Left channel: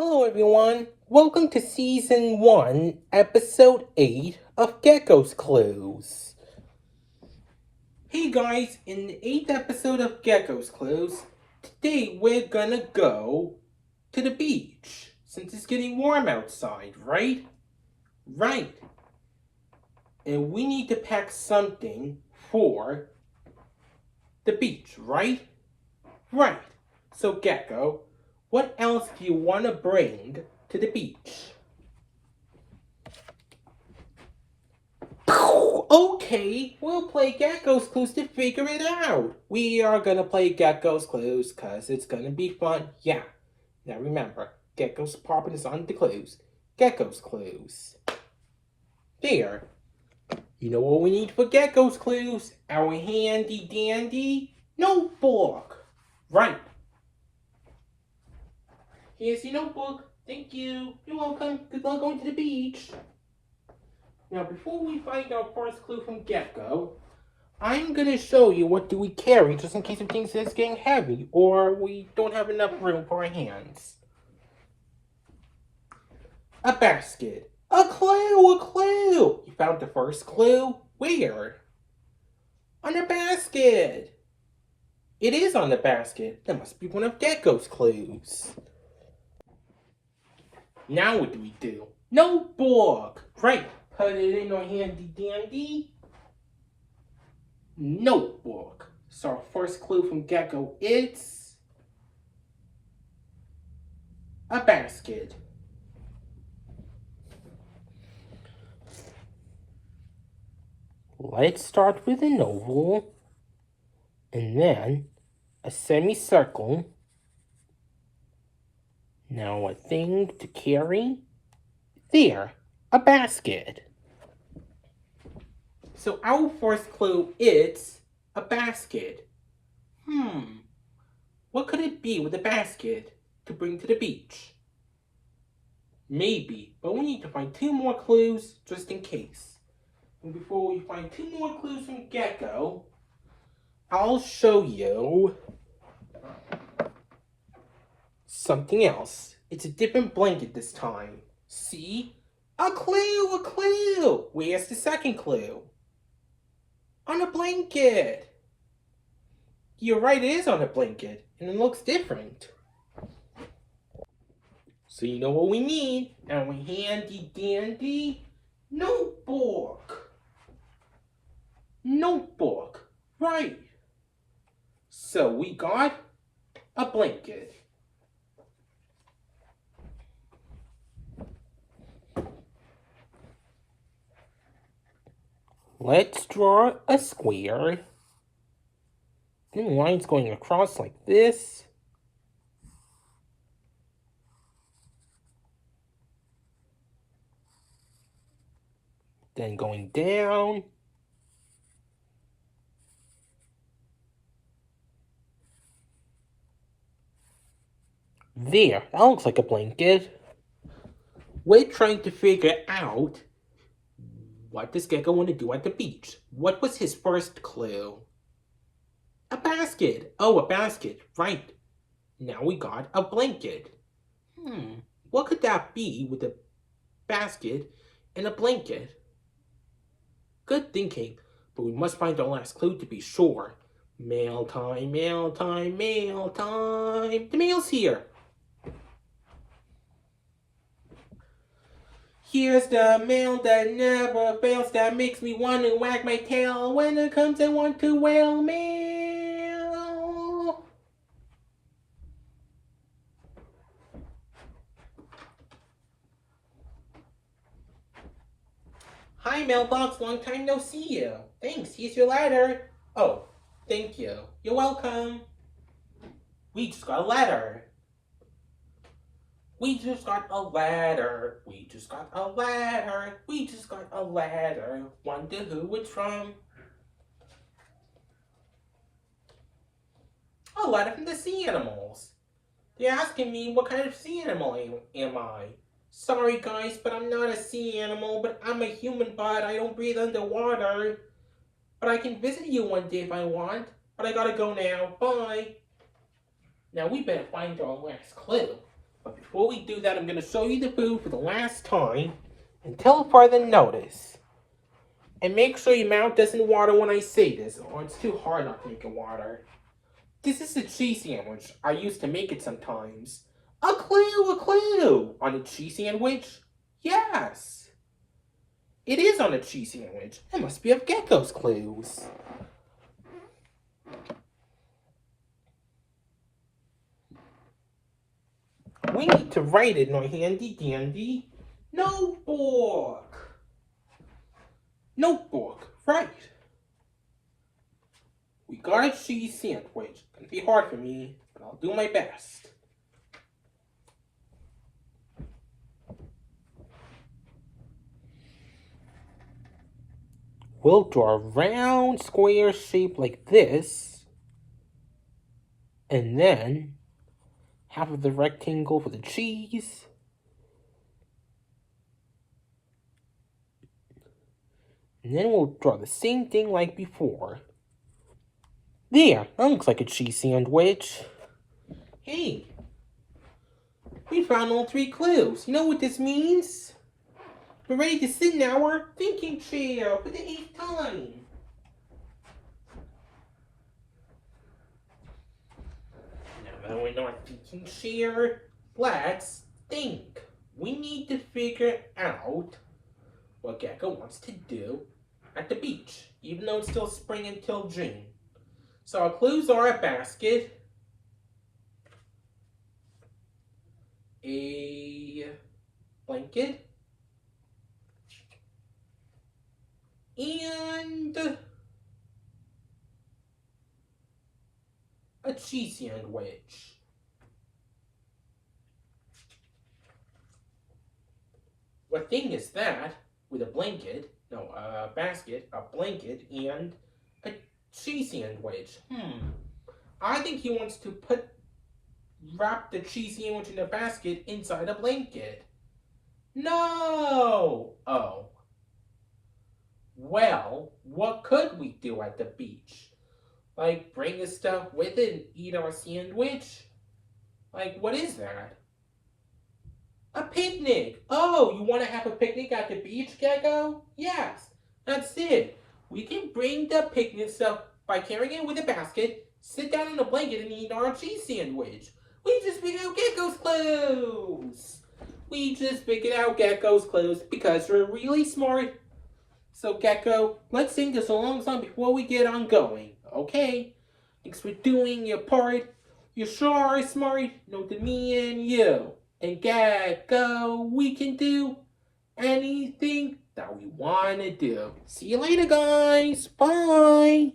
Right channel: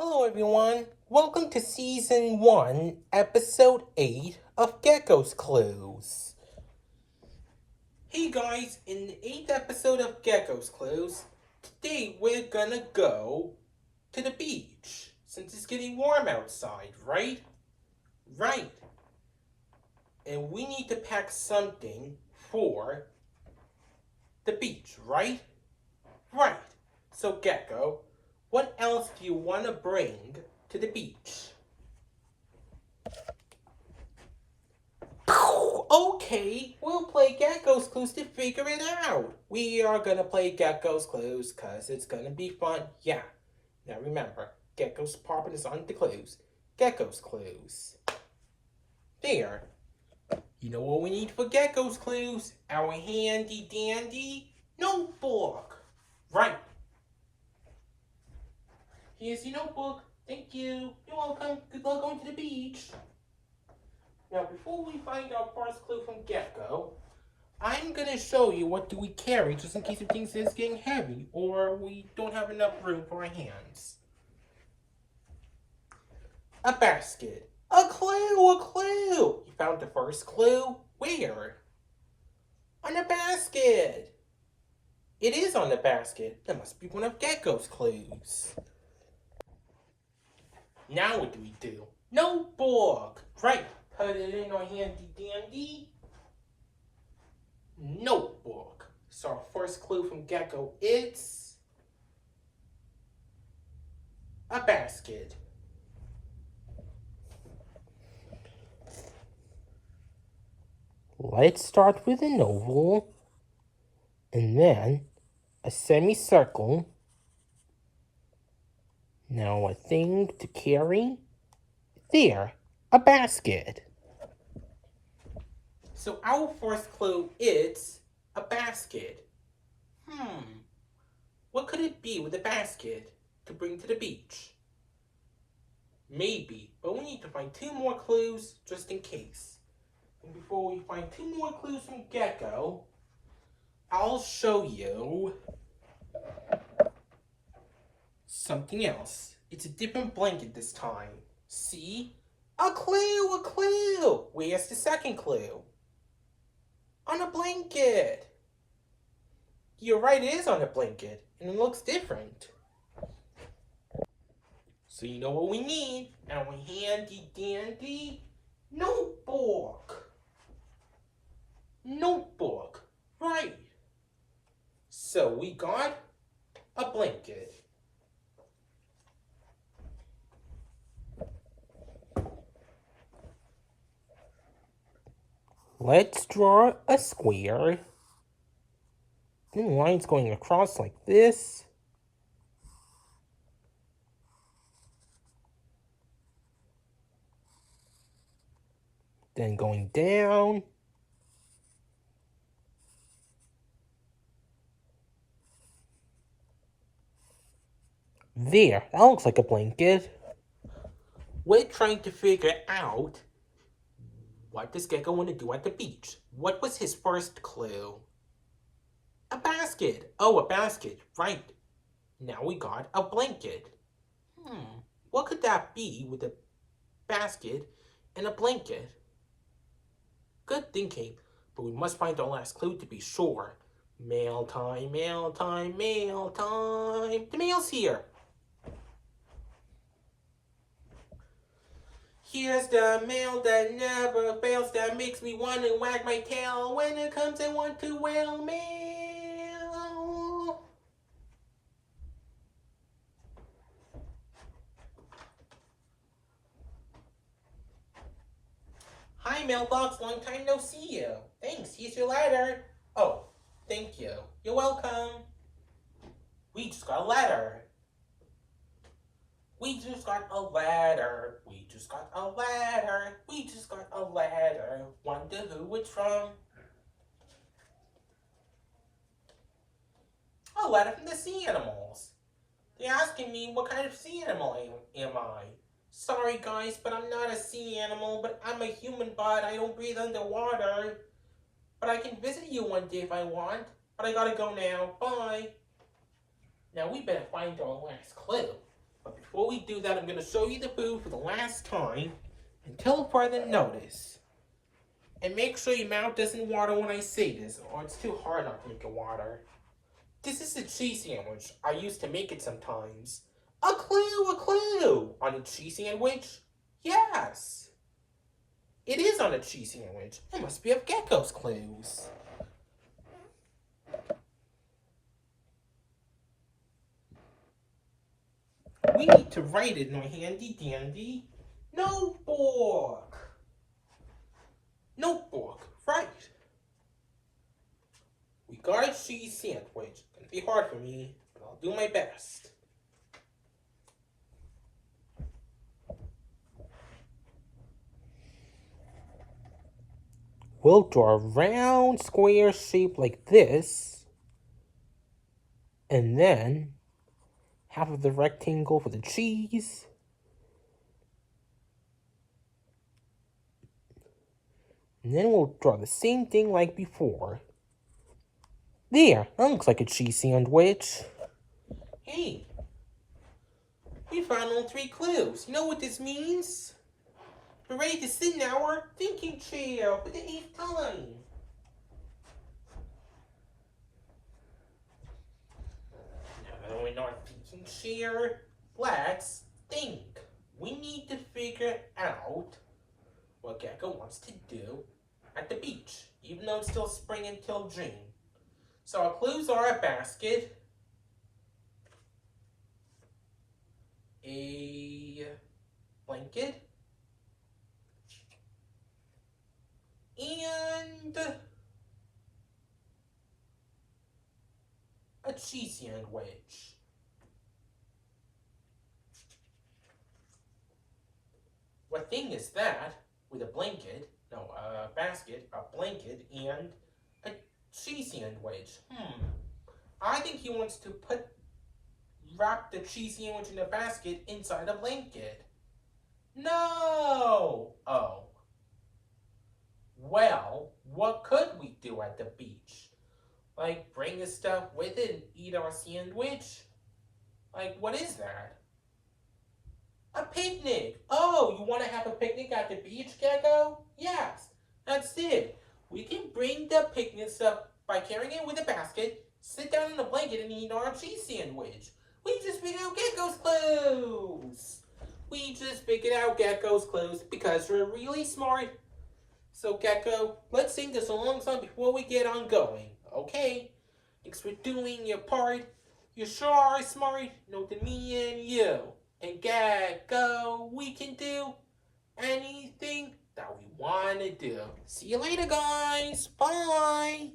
Hello everyone, welcome to Season 1, Episode 8 of Gekko's Clues. Hey guys, in the 8th episode of Gekko's Clues, today we're gonna go to the beach, since it's getting warm outside, right? Right. And we need to pack something for the beach, right? Right. So Gekko, what else do you want to bring to the beach? Okay, we'll play Gekko's Clues to figure it out. We are gonna play Gekko's Clues because it's gonna be fun. Yeah. Now remember, Gekko's popping is on the clues. Gekko's Clues. There. You know what we need for Gekko's Clues? Our handy dandy notebook. Right. Here's your notebook. Thank you. You're welcome. Good luck going to the beach. Now, before we find our first clue from Gekko, I'm going to show you what do we carry just in case it thinks it's getting heavy or we don't have enough room for our hands. A basket. A clue, a clue. You found the first clue? Where? On a basket. It is on the basket. That must be one of Gekko's clues. Now what do we do? Notebook. Right. Put it in our handy dandy notebook. So our first clue from Gekko is a basket. Let's start with an oval and then a semicircle. Now a thing to carry. There, a basket. So our first clue is a basket. What could it be with a basket to bring to the beach? Maybe, but we need to find two more clues just in case. And before we find two more clues from Gekko, I'll show you something else. It's a different blanket this time. See? A clue, a clue! Where's the second clue? On a blanket! You're right, it is on a blanket, and it looks different. So you know what we need? Our handy dandy notebook. Notebook, right. So we got a blanket. Let's draw a square. Then lines going across like this. Then going down. There, that looks like a blanket. We're trying to figure out what does Gekko want to do at the beach. What was his first clue? A basket. Oh, a basket. Right. Now we got a blanket. What could that be with a basket and a blanket? Good thinking, but we must find our last clue to be sure. Mail time, mail time, mail time. The mail's here. Here's the mail that never fails, that makes me want to wag my tail. When it comes, I want to wail mail. Hi, mailbox. Long time no see you. Thanks. Here's your letter. Oh, thank you. You're welcome. We just got a letter. We just got a letter. We just got a letter. We just got a letter. Wonder who it's from. A letter from the sea animals. They're asking me what kind of sea animal am I. Sorry guys, but I'm not a sea animal, but I'm a human bud. I don't breathe underwater. But I can visit you one day if I want. But I gotta go now. Bye. Now we better find our last clue. But before we do that, I'm going to show you the food for the last time until further notice. And make sure your mouth doesn't water when I say this, or it's too hard not to make it water. This is a cheese sandwich. I used to make it sometimes. A clue! On a cheese sandwich? Yes! It is on a cheese sandwich. It must be of Gekko's clues. We need to write it in our handy dandy notebook. Notebook, right. We got a cheese sandwich. It's gonna be hard for me, but I'll do my best. We'll draw a round square shape like this, and then half of the rectangle for the cheese. And then we'll draw the same thing like before. There, that looks like a cheese sandwich. Hey, we found all 3 clues. You know what this means? We're ready to sit in our thinking chair for the 8th time. Now that we're in our thinking chair, let's think. We need to figure out what Gekko wants to do at the beach, even though it's still spring until June. So our clues are a basket, a blanket, and a cheese sandwich. What thing is that with a blanket, no, a basket, a blanket, and a cheese sandwich? I think he wants to wrap the cheese sandwich in a basket inside a blanket. No! Oh. Well, what could we do at the beach? Like, bring his stuff with it and eat our sandwich? Like, what is that? A picnic! Oh, you want to have a picnic at the beach, Gekko? Yes, that's it. We can bring the picnic stuff by carrying it with a basket, sit down on a blanket, and eat our cheese sandwich. We just figured out Gekko's clues! We just figured out Gekko's clues because we're really smart. So, Gekko, let's sing this a long song before we get on going, okay? Thanks for doing your part. You sure are smart. Know to me and you. And Gekko, we can do anything that we want to do. See you later, guys. Bye.